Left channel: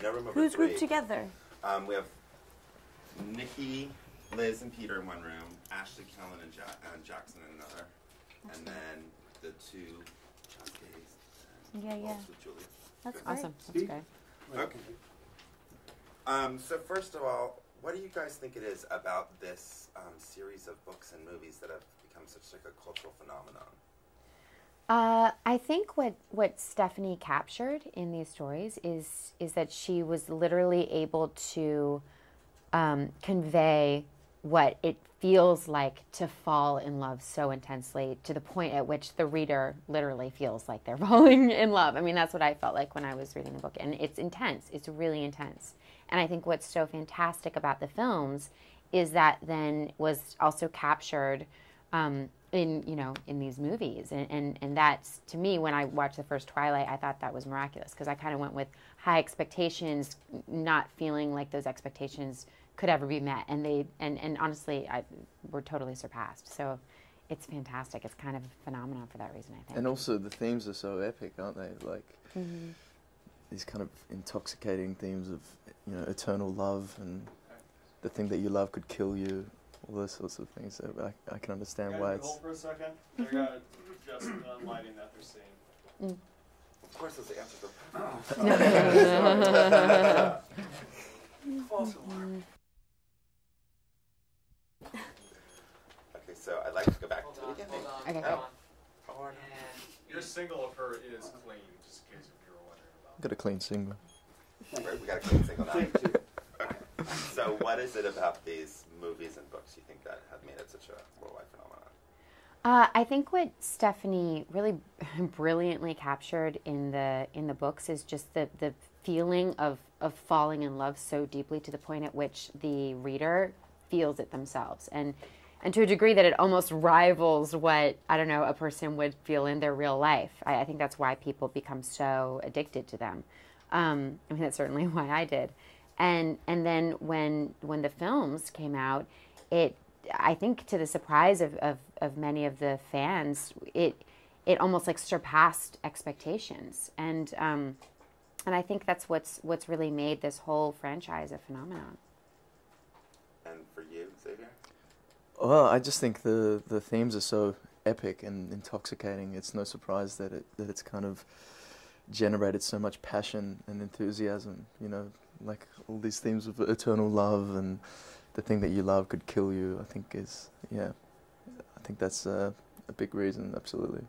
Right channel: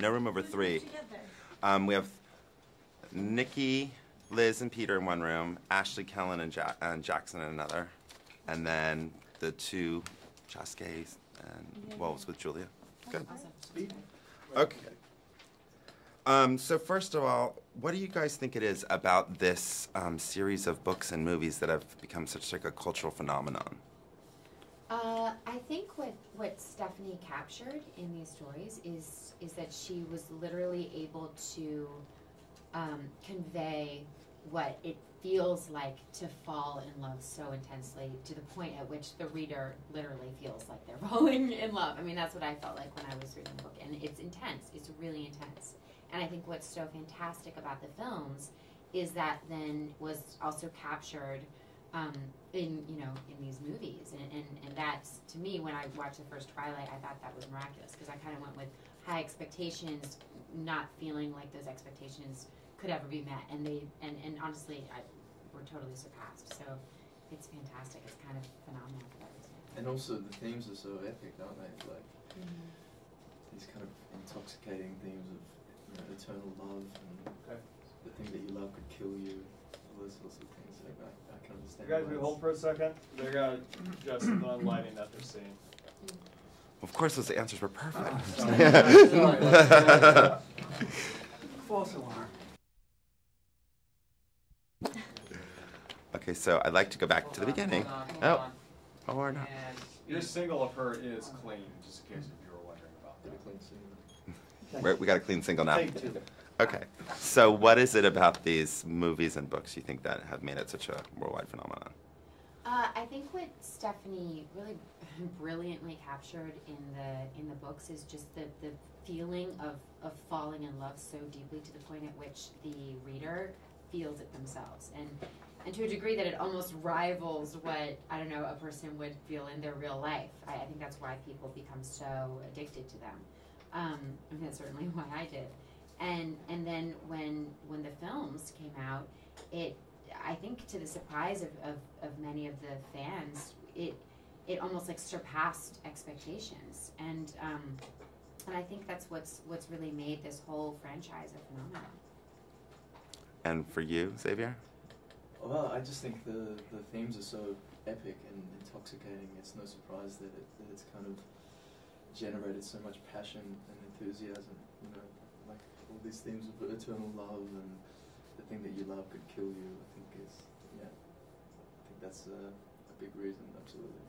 No room over Who's three. grouped together? We have Nikki, Liz, and Peter in one room, Ashley, Kellen, and Jackson in another, and then the two Chasquets and Wolves with Julia. That's Good. awesome. That's Great. Okay. So first of all, what do you guys think it is about this series of books and movies that have become such like a cultural phenomenon? I think what Stephanie captured in these stories is that she was literally able to convey what it feels like to fall in love so intensely to the point at which the reader literally feels like they're falling in love. I mean, that's what I felt like when I was reading the book, and it's intense. It's really intense. And I think what's so fantastic about the films is that then was also captured in these movies, and that's, to me, when I watched the first Twilight, I thought that was miraculous, because I kind of went with high expectations, not feeling like those expectations could ever be met, and honestly, were totally surpassed. So it's fantastic. It's kind of a phenomenon for that reason, I think. And also the themes are so epic, aren't they? Like these kind of intoxicating themes of, you know, eternal love, and the thing that you love could kill you. All those sorts of things. So I can understand why it's... Hold for a second. They got just the lighting that they're seeing. Of course, those answers were perfect. False alarm. Okay, so I'd like to go back to the beginning. Okay. Oh, or not. Your single of her is clean, just in case if you were wondering about. Got a clean single. We got a clean single now. Thank you. Okay, so what is it about these movies and books you think that have made it such a worldwide phenomenon? I think what Stephanie really brilliantly captured in the books is just the feeling of falling in love so deeply to the point at which the reader feels it themselves, and to a degree that it almost rivals what, I don't know, a person would feel in their real life. I think that's why people become so addicted to them. I mean, that's certainly why I did. And then when the films came out, I think to the surprise of many of the fans, it almost like surpassed expectations, and I think that's what's really made this whole franchise a phenomenon. And for you, Xavier? Well, I just think the themes are so epic and intoxicating. It's no surprise that it's kind of generated so much passion and enthusiasm, you know, like all these themes of eternal love and the thing that you love could kill you, I think I think that's a big reason, absolutely.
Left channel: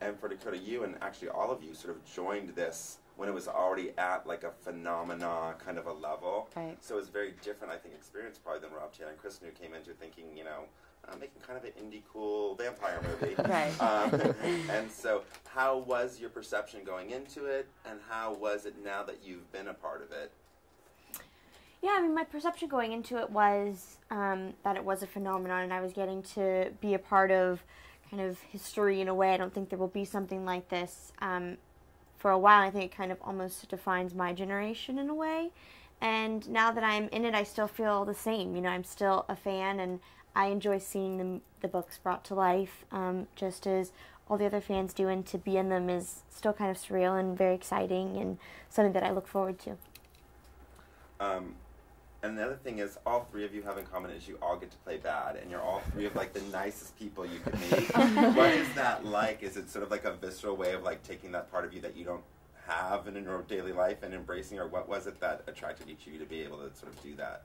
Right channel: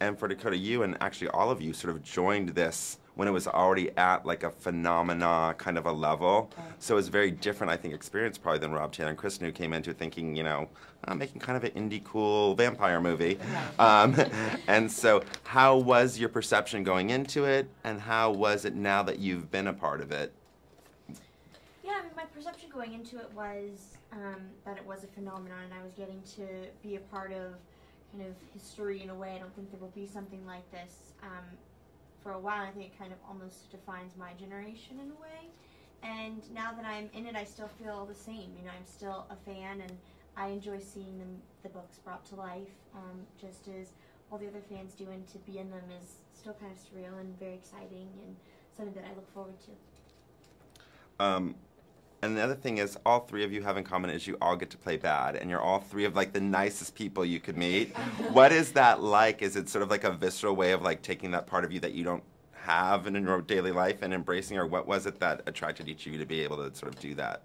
And for Dakota, you and actually all of you sort of joined this when it was already at like a phenomena kind of a level. Right. So it was a very different, I think, experience probably than Rob, Taylor, and Kristen, who came into thinking, you know, making kind of an indie cool vampire movie. Right. And so how was your perception going into it, and how was it now that you've been a part of it? Yeah, I mean, my perception going into it was that it was a phenomenon, and I was getting to be a part of kind of history in a way. I don't think there will be something like this for a while. I think it kind of almost defines my generation in a way. And now that I'm in it, I still feel the same. You know, I'm still a fan, and I enjoy seeing the books brought to life, just as all the other fans do. And to be in them is still kind of surreal and very exciting, and something that I look forward to. And the other thing is, all three of you have in common is you all get to play bad, and you're all three of like the nicest people you could meet. What is that like? Is it sort of like a visceral way of like taking that part of you that you don't have in your daily life and embracing, or what was it that attracted each of you to be able to sort of do that?